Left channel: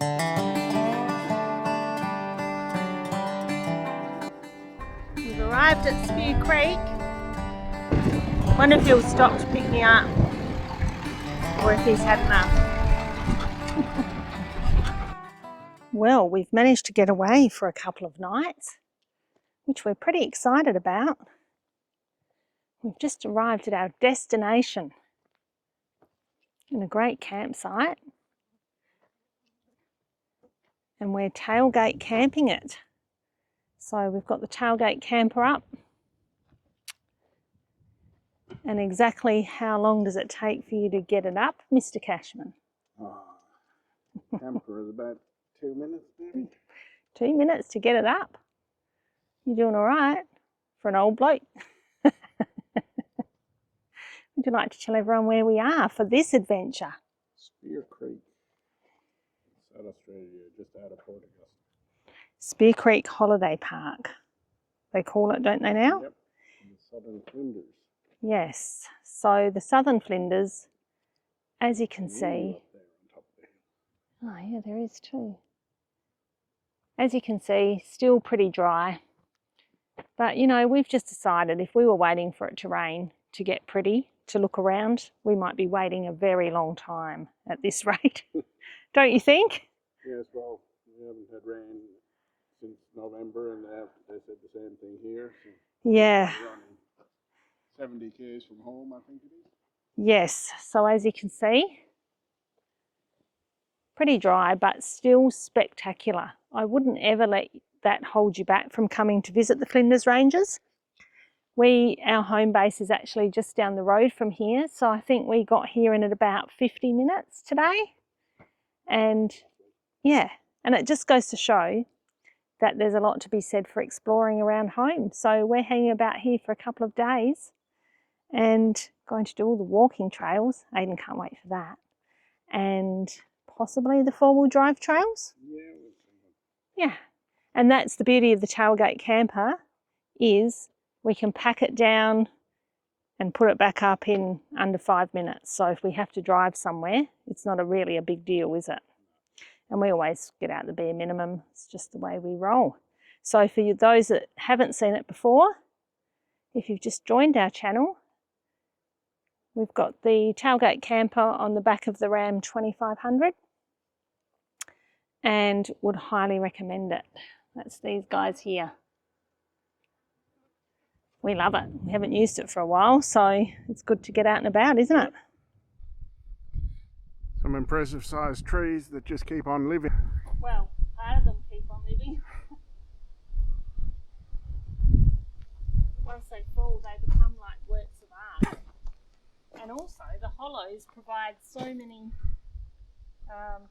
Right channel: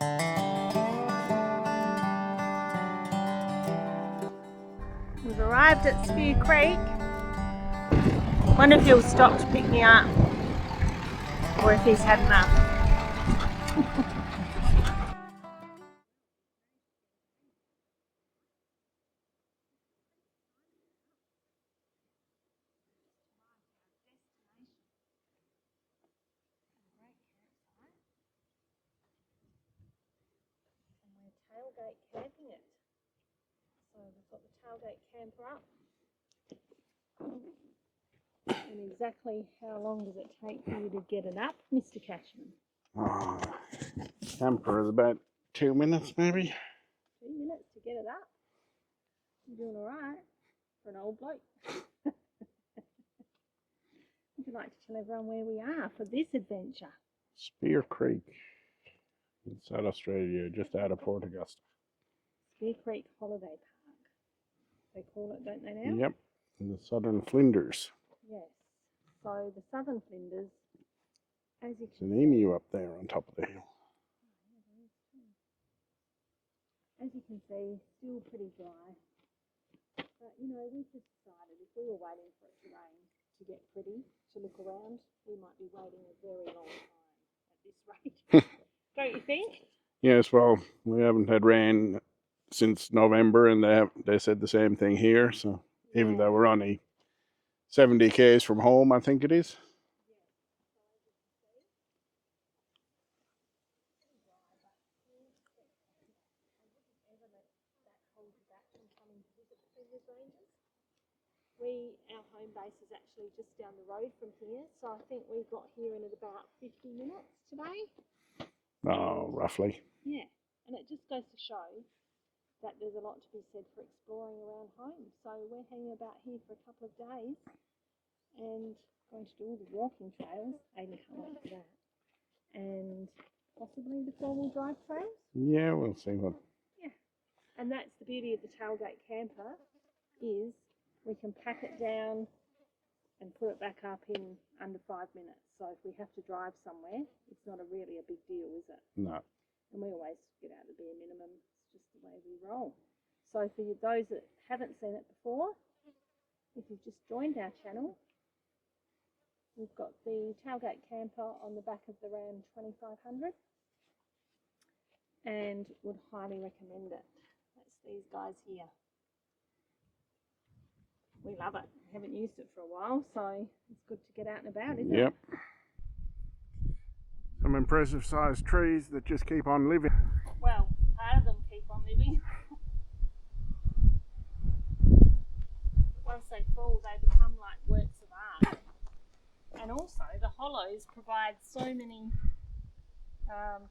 We've arrived at Spear Creek. Wonder if he'll stop to pick me up, or if he's had enough. Well, we've managed to get away for a couple of nights, which we're pretty excited about. We've just arrived at our destination in a great campsite, and we're tailgate camping it. So we've got the tailgate camper up. And exactly how long does it take for you to get it up, Mr. Cashman? Camper is about 2 minutes maybe. 2 minutes to get it up. You're doing all right for an old bloke. Would you like to tell everyone where we are for this adventure? Spear Creek in South Australia, just out of Port Augusta. Spear Creek Holiday Park, they call it, don't they now? Yep, in the Southern Flinders. Yes, so the Southern Flinders, as you can see. You up there on top of the hill. Oh yeah, there is too. As you can see, still pretty dry. But you know, we've just decided if we were waiting for it to rain to get pretty, to look around, we might be waiting a very long time at this rate. Don't you think? Yes, well, we haven't had rain since November, and they said the same thing here. So yeah, we're only 70 k's from home, I think it is. Yes, so as you can see, pretty dry, but still spectacular. I wouldn't ever let that hold you back from coming to visit the Flinders Ranges. Our home base is actually just down the road from here, so I think we got here in at about 50 minutes today. And roughly. Yeah, and it just goes to show that there's a lot to be said for exploring around home. So we're hanging about here for a couple of days and going to do all the walking trails. Aidan can't wait for that. And possibly the four-wheel drive trails. Yeah, we'll see what. Yeah, and that's the beauty of the tailgate camper, is we can pack it down and put it back up in under 5 minutes. So if we have to drive somewhere, it's not really a big deal, is it? No. And we always get out the bare minimum. It's just the way we roll. So for those that haven't seen it before, if you've just joined our channel, we've got the tailgate camper on the back of the Ram 2500 and would highly recommend it. That's these guys here. We love it. We haven't used it for a while, so it's good to get out and about, isn't it? Some impressive sized trees that just keep on living. Well, part of them keep on living. Once they fall, they become like works of art. And also, the hollows provide so many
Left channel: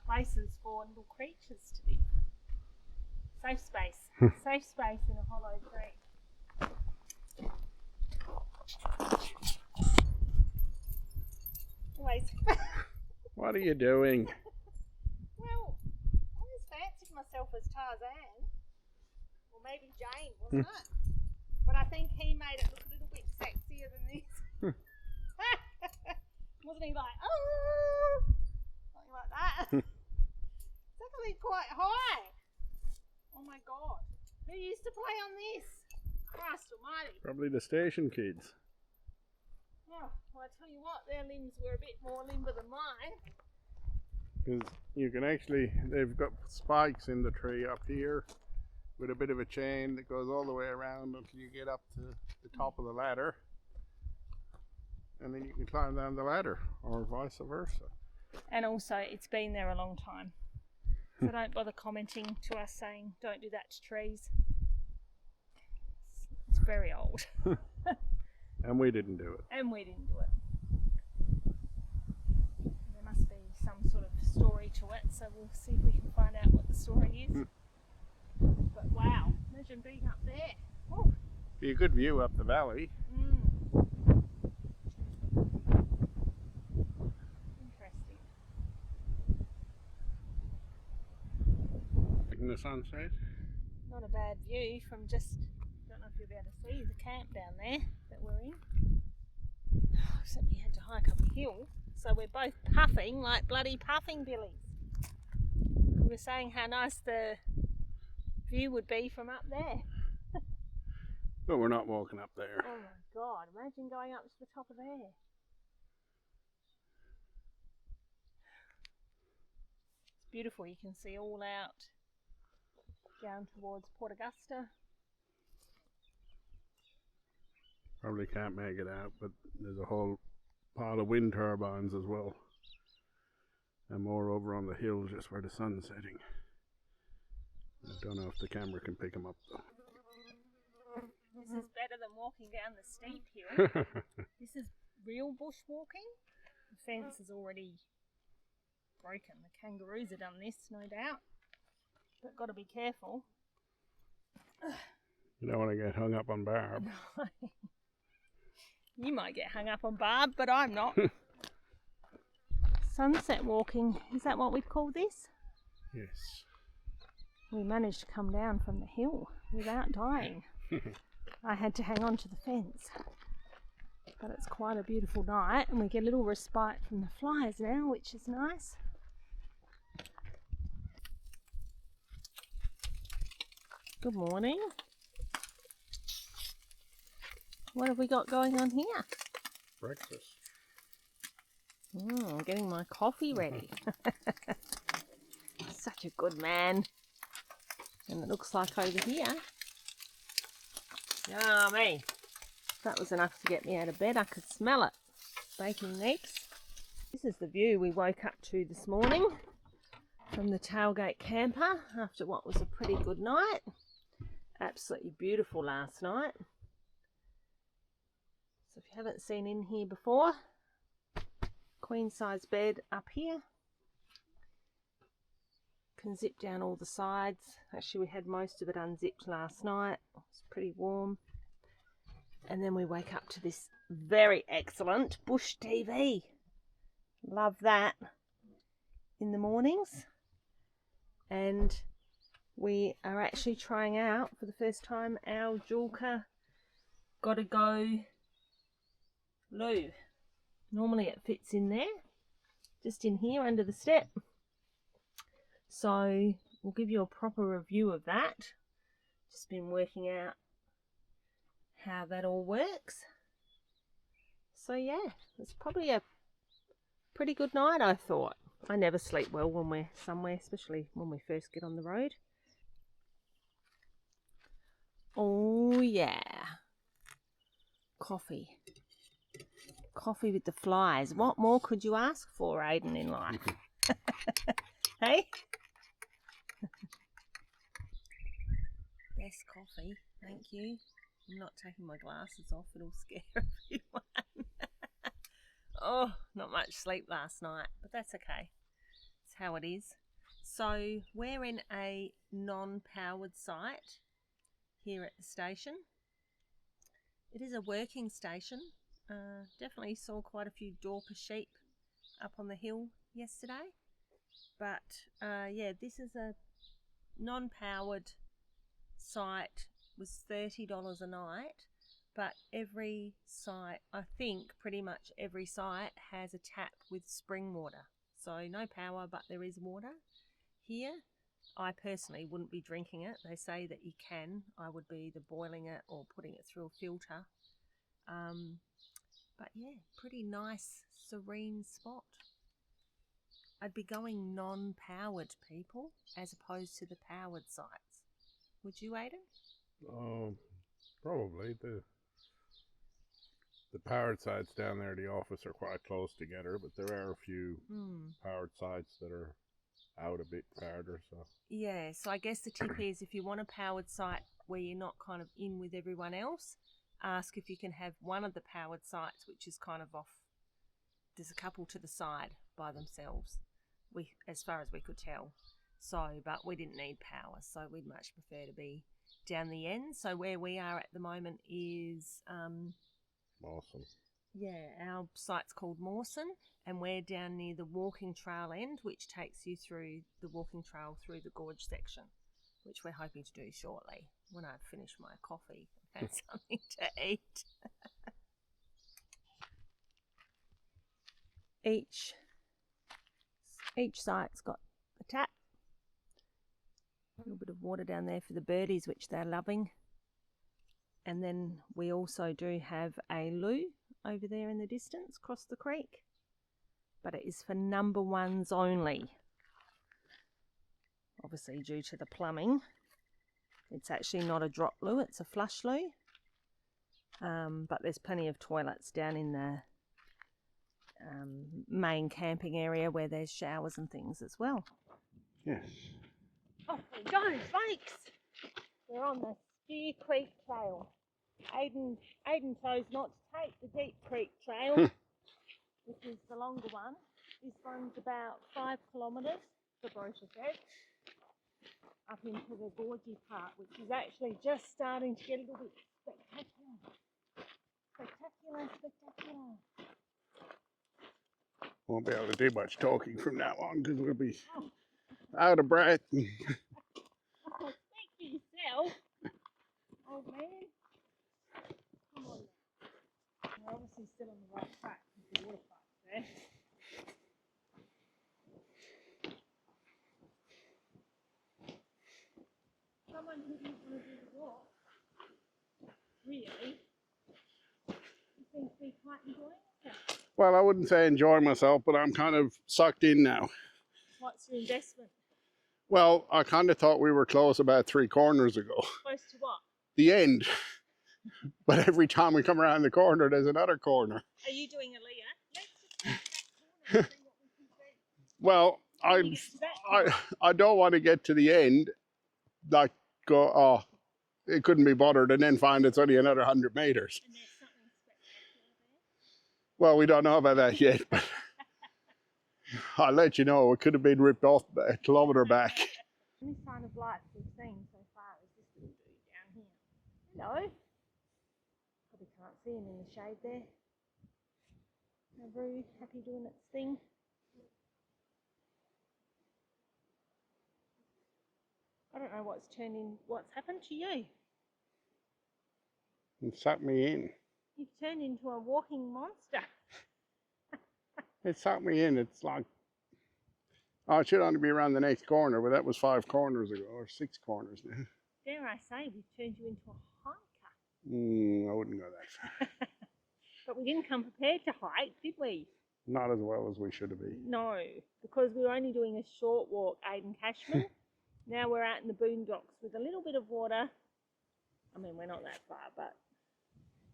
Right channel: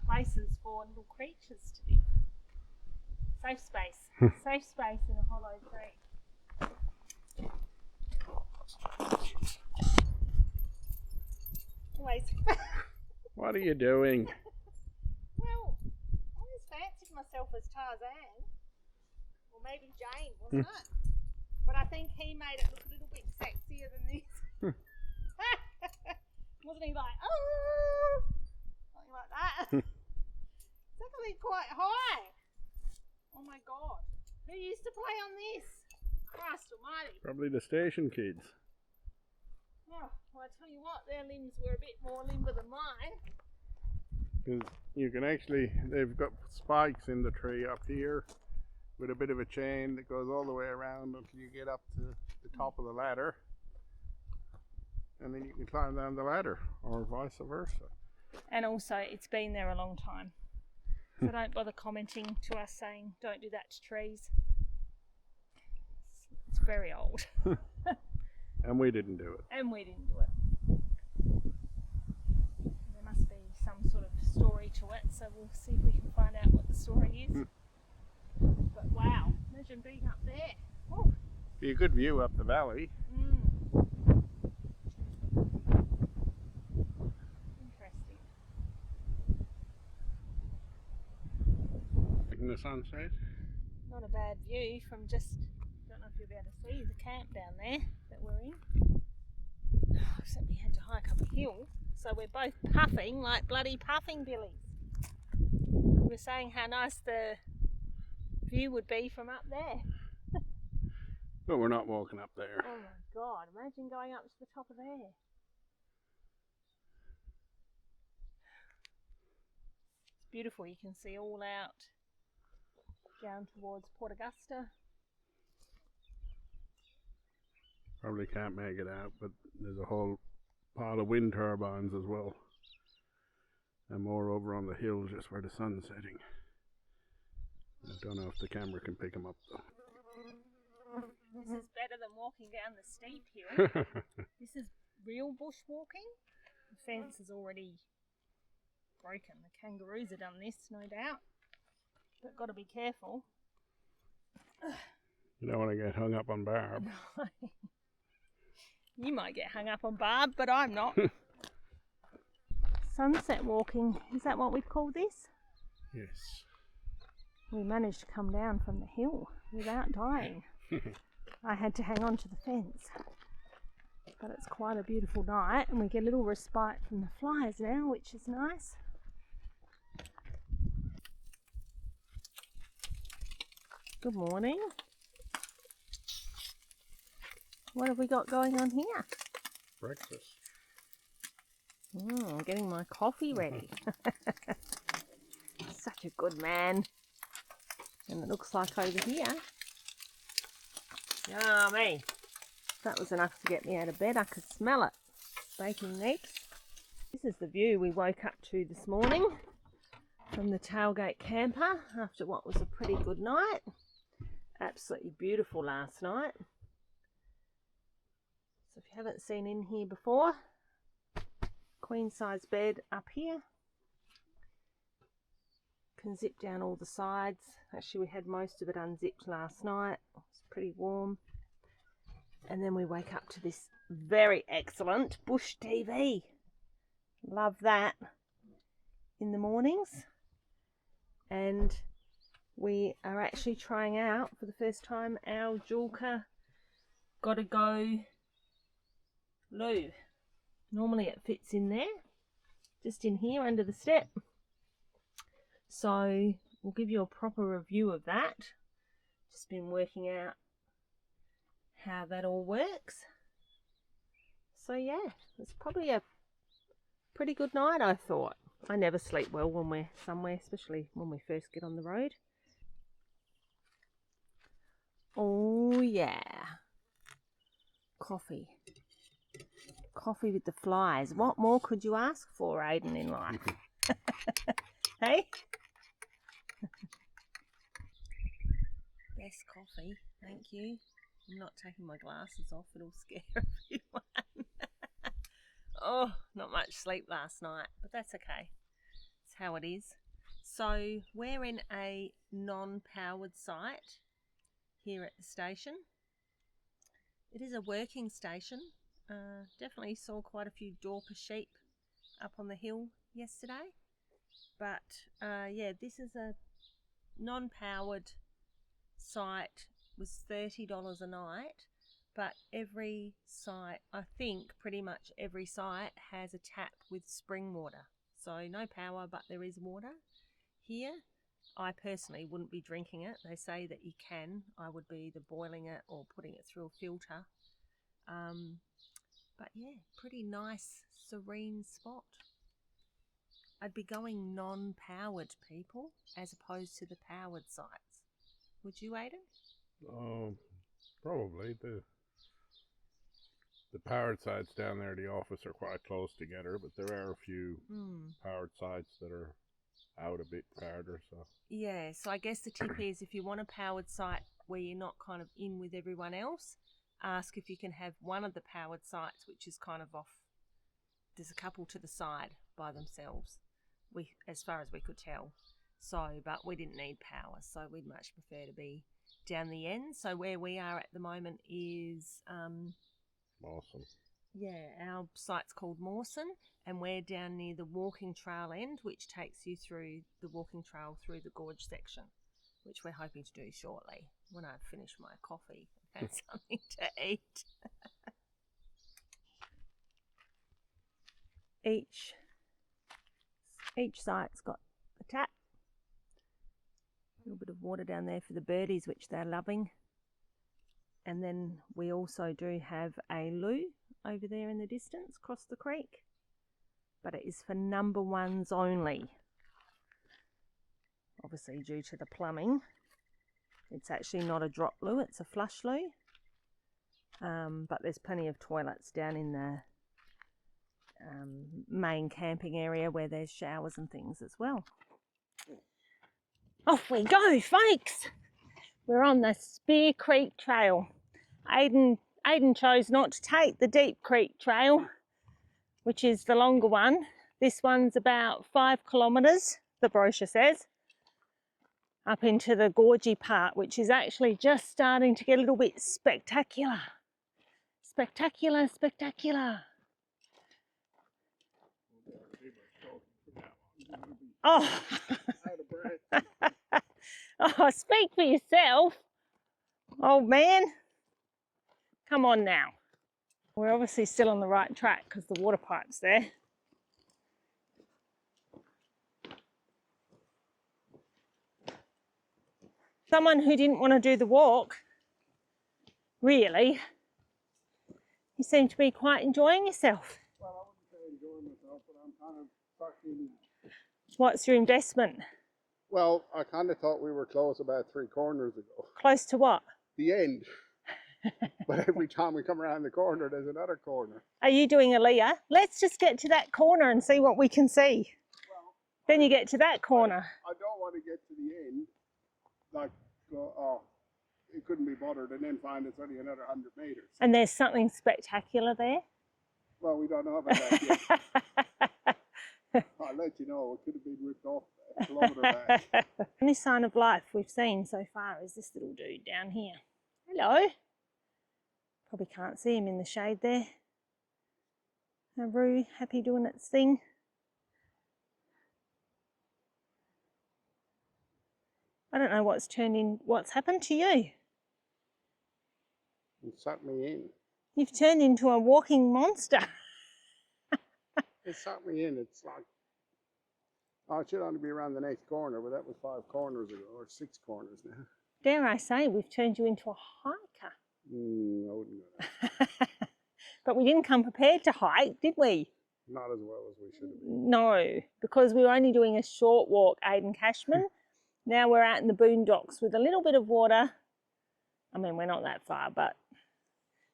places for little creatures to live. Safe space. Safe space in a hollow tree. Anyways. What are you doing? Well, I always fancied myself as Tarzan. Or maybe Jane, wasn't it? But I think he made it look a little bit sexier than this. Wasn't he like, oh, something like that? It's actually quite high. Oh my God. Who used to play on this? Christ almighty. Probably the station kids. Oh, well, I tell you what, their limbs were a bit more limber than mine. Because you can actually, they've got spikes in the tree up here with a bit of a chain that goes all the way around until you get up to the top of the ladder. And then you can climb down the ladder, or vice versa. And also, it's been there a long time. So don't bother commenting to us saying, don't do that to trees. It's very old. And we didn't do it. And we didn't do it. There must be some sort of story to it, so we'll see if we can find out what the story is. But wow, imagine being up there. Ooh. Be a good view up the valley. Interesting. In the sunset. Not a bad view from just, don't know if you'll be able to see the camp down there that we're in. Except we had to hike up a hill, so we're both puffing like bloody puffing billies. We were saying how nice the view would be from up there. But we're not walking up there. Oh my God, imagine going up to the top of there. It's beautiful, you can see all out down towards Port Augusta. Probably can't make it out, but there's a whole pile of wind turbines as well. And more over on the hill just where the sun's setting. I don't know if the camera can pick them up though. This is better than walking down the steep hill. This is real bushwalking. The fence is already broken. The kangaroos have done this, no doubt. But got to be careful. You don't want to get hung up on Barb. You might get hung up on Barb, but I'm not. Sunset walking, is that what we'd call this? Yes. We managed to come down from the hill without dying. I had to hang on to the fence. But it's quite a beautiful night and we get a little respite from the flies now, which is nice. Good morning. What have we got going on here? Breakfast. Getting my coffee ready. Such a good man. And it looks like over here. Yummy. That was enough to get me out of bed. I could smell it. Baking eggs. This is the view we woke up to this morning from the tailgate camper after what was a pretty good night. Absolutely beautiful last night. So if you haven't seen in here before, queen size bed up here. Can zip down all the sides. Actually, we had most of it unzipped last night. It was pretty warm. And then we wake up to this very excellent Bush TV. Love that in the mornings. And we are actually trying out for the first time our Julka Gotta Go loo. Normally it fits in there, just in here under the step. So we'll give you a proper review of that. Just been working out how that all works. So yeah, it's probably a pretty good night, I thought. I never sleep well when we're somewhere, especially when we first get on the road. Oh yeah. Coffee. Coffee with the flies. What more could you ask for, Aiden, in life? Hey? Best coffee, thank you. I'm not taking my glasses off, it'll scare everyone. Oh, not much sleep last night, but that's okay. It's how it is. So we're in a non-powered site here at the station. It is a working station. Definitely saw quite a few Dorper sheep up on the hill yesterday. But yeah, this is a non-powered site. Was $30 a night, but every site, I think pretty much every site has a tap with spring water. So no power, but there is water here. I personally wouldn't be drinking it. They say that you can. I would be either boiling it or putting it through a filter. But yeah, pretty nice, serene spot. I'd be going non-powered, people, as opposed to the powered sites. Would you, Aiden? Probably. The powered sites down there, the office, are quite close together, but there are a few powered sites that are out a bit farther. So yeah, so I guess the tip is if you want a powered site where you're not kind of in with everyone else, ask if you can have one of the powered sites, which is kind of off. There's a couple to the side by themselves, as far as we could tell. So, but we didn't need power, so we'd much prefer to be down the end. So where we are at the moment is Mawson. Yeah, our site's called Mawson, and we're down near the walking trail end, which takes you through the walking trail through the gorge section, which we're hoping to do shortly when I finish my coffee and something to eat. Each site's got a tap, A little bit of water down there for the birdies, which they're loving. And then we also do have a loo over there in the distance across the creek, but it is for number ones only. Obviously due to the plumbing. It's actually not a drop loo, it's a flush loo. But there's plenty of toilets down in the main camping area where there's showers and things as well. Yes. Off we go, folks! We're on the Spear Creek Trail. Aiden chose not to take the Deep Creek Trail, which is the longer one. This one's about 5 kilometres, the brochure says, up into the gorgy part, which is actually just starting to get a little bit spectacular. Spectacular, spectacular. Won't be able to do much talking from now on because we'll be Oh, out of breath. oh, speak for yourself, old man. Come on now. We're obviously still on the right track because the water pipe's there. Someone who didn't want to do the walk, really. You seem to be quite enjoying yourself. Well, I wouldn't say enjoy myself, but I'm kind of sucked in now. What's your investment? Well, I kind of thought we were close about 3 corners ago. Close to what? The end. But every time we come around the corner, there's another corner. Are you doing a Leah? Let's just get to that corner and see what we can see. Well, Then you get to that corner. I don't want to get to the end, like go, oh, it couldn't be bothered, and then find it's only another 100 meters. And there's something spectacular there. Well, we don't know about that yet. I'll let you know. It could have been ripped off a kilometre back. The only sign of life we've seen so far is this little dude down here. Hello. Probably can't see him in the shade there. Nauru, happy doing its thing. I don't know what's happened to you. It sucked me in. You've turned into a walking monster. It sucked me in. It's like, oh, it should only be around the next corner, but that was 5 corners ago, or 6 corners now. Dare I say, we've turned you into a hiker. I wouldn't go that. But we didn't come prepared to hike, did we? Not as well as we should have been. No, because we were only doing a short walk, Aiden Cashman. Now we're out in the boondocks with a little bit of water. I mean, we're not that far, but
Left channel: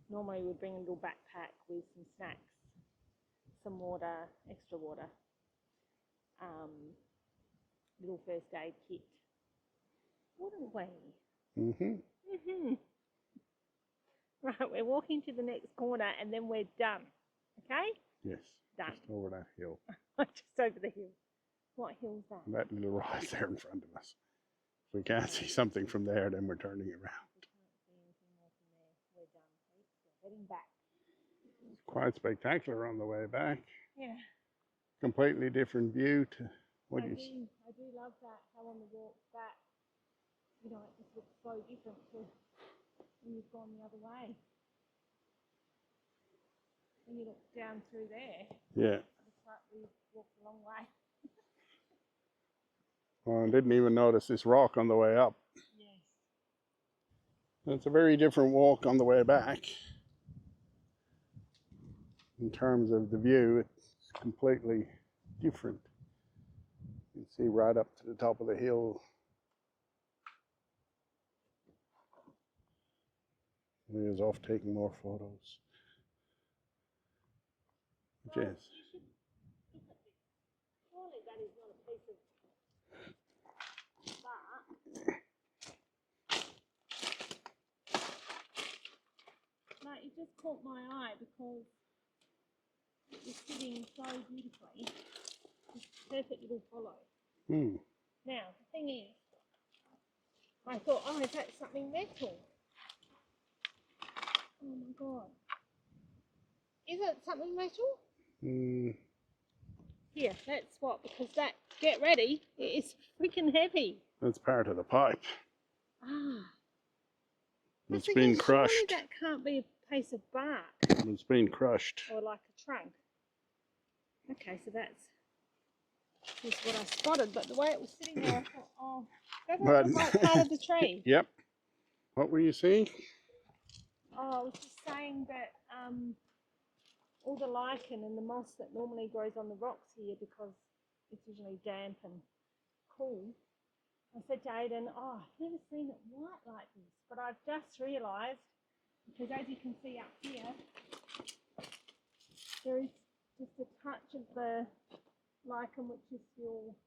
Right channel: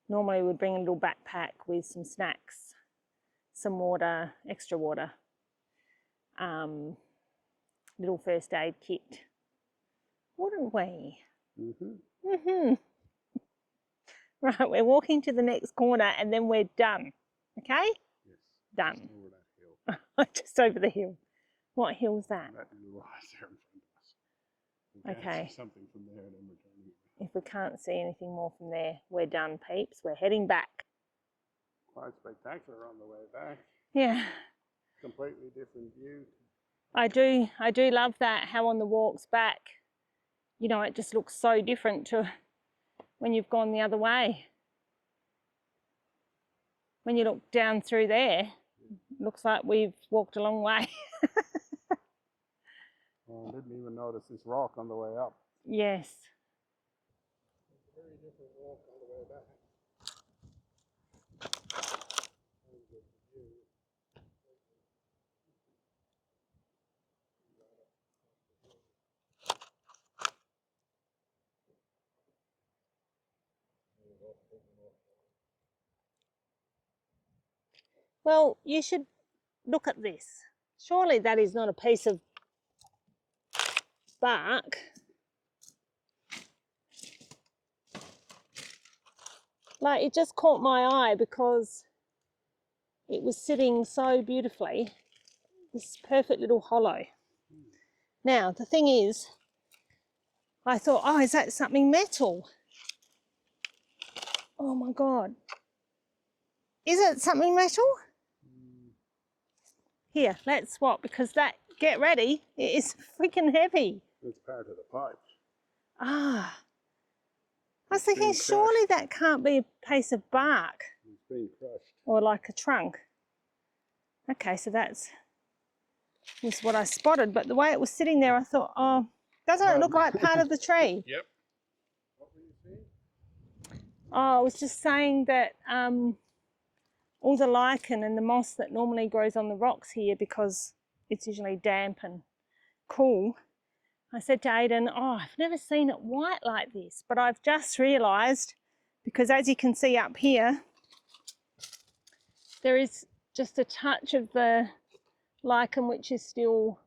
normally we'd bring a little backpack with some snacks, some water, extra water, little first aid kit, wouldn't we? Right, we're walking to the next corner and then we're done. Okay? Yes. Done. Just over that hill. Just over the hill. What hill's that? That little rise there in front of us. If we can't Okay. see something from there, then we're turning around. If we can't see anything more from there, we're done, peeps. We're heading back. Quite spectacular on the way back. Yeah, Completely different view to what I you do love that, how on the walks back, you know, it just looks so different to when you've gone the other way. When you look down through there, Yeah. it looks like we've walked a long way. Well, I didn't even notice this rock on the way up. Yes. It's a very different walk on the way back. In terms of the view, it's completely different. You can see right up to the top of the hill. He is off taking more photos. Well, Yes. you should look at this. Surely that is not a piece of bark. Like, it just caught my eye because it was sitting so beautifully. This perfect little hollow. Now, the thing is, I thought, oh, is that something metal? Oh my God. Is it something metal? Here, let's swap because get ready, it is freaking heavy. That's part of the pipe. Ah. I was It's thinking, being surely crushed. that can't be a piece of bark It's been crushed. or like a trunk. Okay, so that's what I spotted, but the way it was sitting there, I thought, oh, Doesn't it look like part of the tree? Yep. What were you saying? Oh, I was just saying that all the lichen and the moss that normally grows on the rocks here, because it's usually damp and cool, I said to Aidan, oh, I've never seen it white like this, but I've just realised, because as you can see up here, there is just a touch of the lichen which is still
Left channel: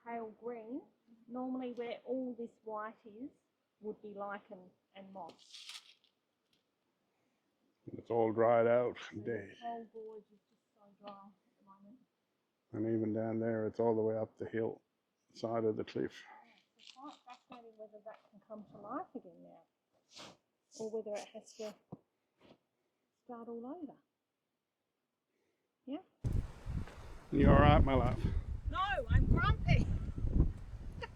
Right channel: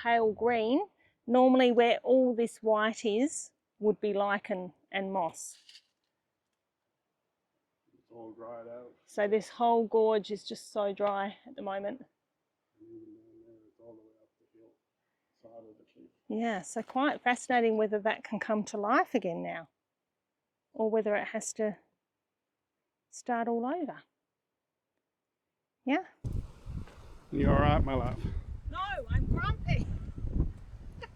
pale green. Normally where all this white is would be lichen and moss. It's all dried out. So this whole gorge is just so dry at the moment. And even down there, it's all the way up the hill side of the cliff. Yeah, so quite fascinating whether that can come to life again now, or whether it has to start all over. Yeah? You all right, my love? No, I'm grumpy.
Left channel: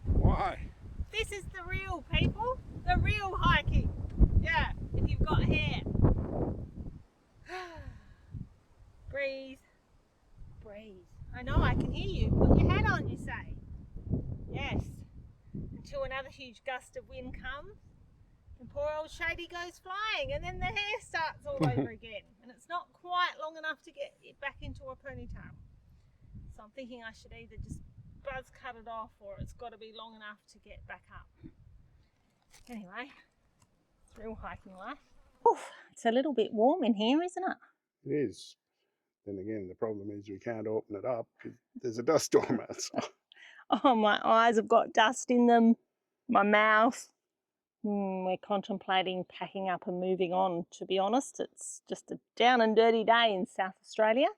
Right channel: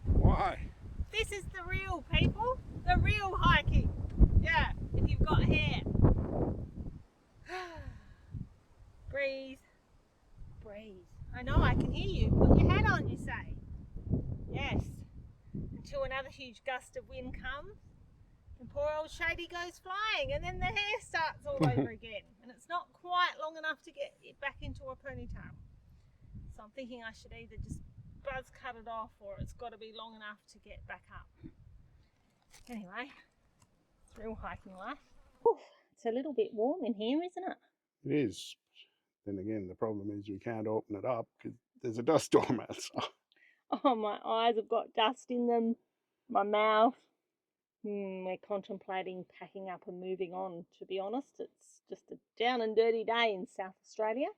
Why? This is the real, people. The real hiking. Yeah, if you've got hair. Breathe. Breathe. I know, I can hear you. Put your hat on, you say. Yes. Until another huge gust of wind comes and poor old Shady goes flying, and then the hair starts all over again. And it's not quite long enough to get it back into a ponytail. So I'm thinking I should either just buzz cut it off, or it's got to be long enough to get back up. Anyway, it's real hiking life. Oof, it's a little bit warm in here, isn't it? It is. Then again, the problem is we can't open it up. There's a dust storm outside. Oh, my eyes have got dust in them. My mouth. We're contemplating packing up and moving on, to be honest. It's just a down and dirty day in South Australia.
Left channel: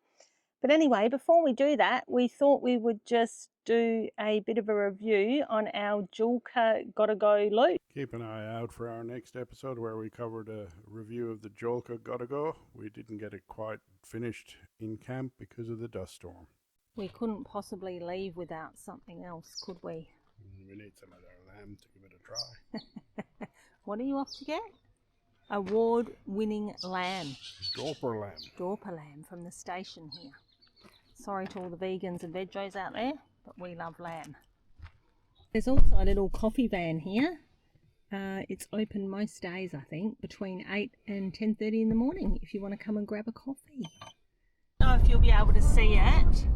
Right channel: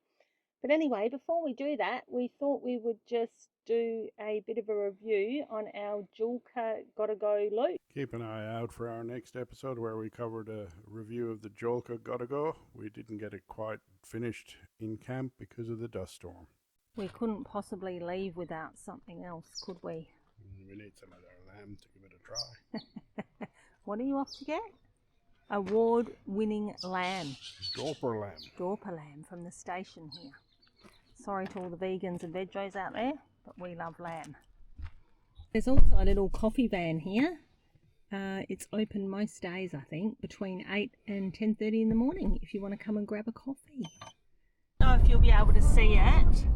But anyway, before we do that, we thought we would just do a bit of a review on our Julka Gotta Go loop. Keep an eye out for our next episode where we covered a review of the Julka Gotta Go. We didn't get it quite finished in camp because of the dust storm. We couldn't possibly leave without something else, could we? We need some of our lamb to give it a try. What are you off to get? Award-winning lamb. Dorper lamb. Dorper lamb from the station here. Sorry to all the vegans and veggies out there, but we love lamb. There's also a little coffee van here. It's open most days, I think, between 8 and 10:30 in the morning if you want to come and grab a coffee. I don't know if you'll be able to see it,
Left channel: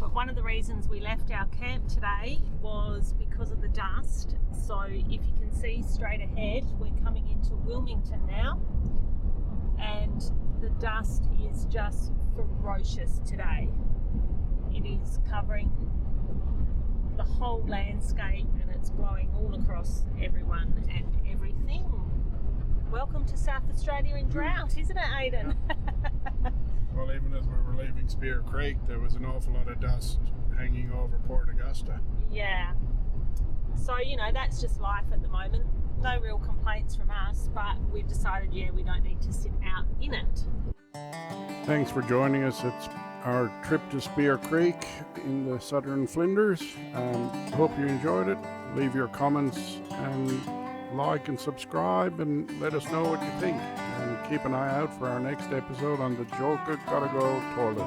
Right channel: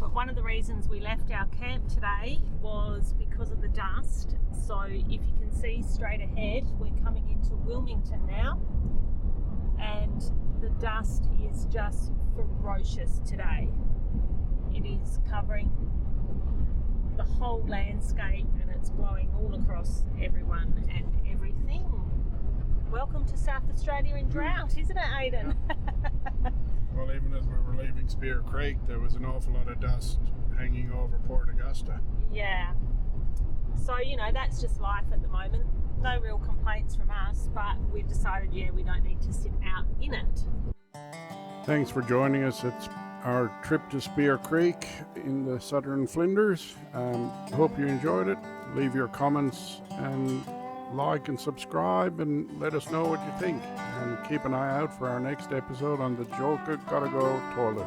but one of the reasons we left our camp today was because of the dust. So if you can see straight ahead, we're coming into Wilmington now, and the dust is just ferocious today. It is covering the whole landscape and it's blowing all across everyone and everything. Welcome to South Australia in drought, isn't it, Aidan? Well, even as we were leaving Spear Creek, there was an awful lot of dust hanging over Port Augusta. Yeah. So, you know, that's just life at the moment. No real complaints from us, but we've decided, yeah, we don't need to sit out in it. Thanks for joining us. It's our trip to Spear Creek in the southern Flinders. Hope you enjoyed it. Leave your comments and like and subscribe and let us know what you think. And keep an eye out for our next episode on the Julka Gotta Go toilet.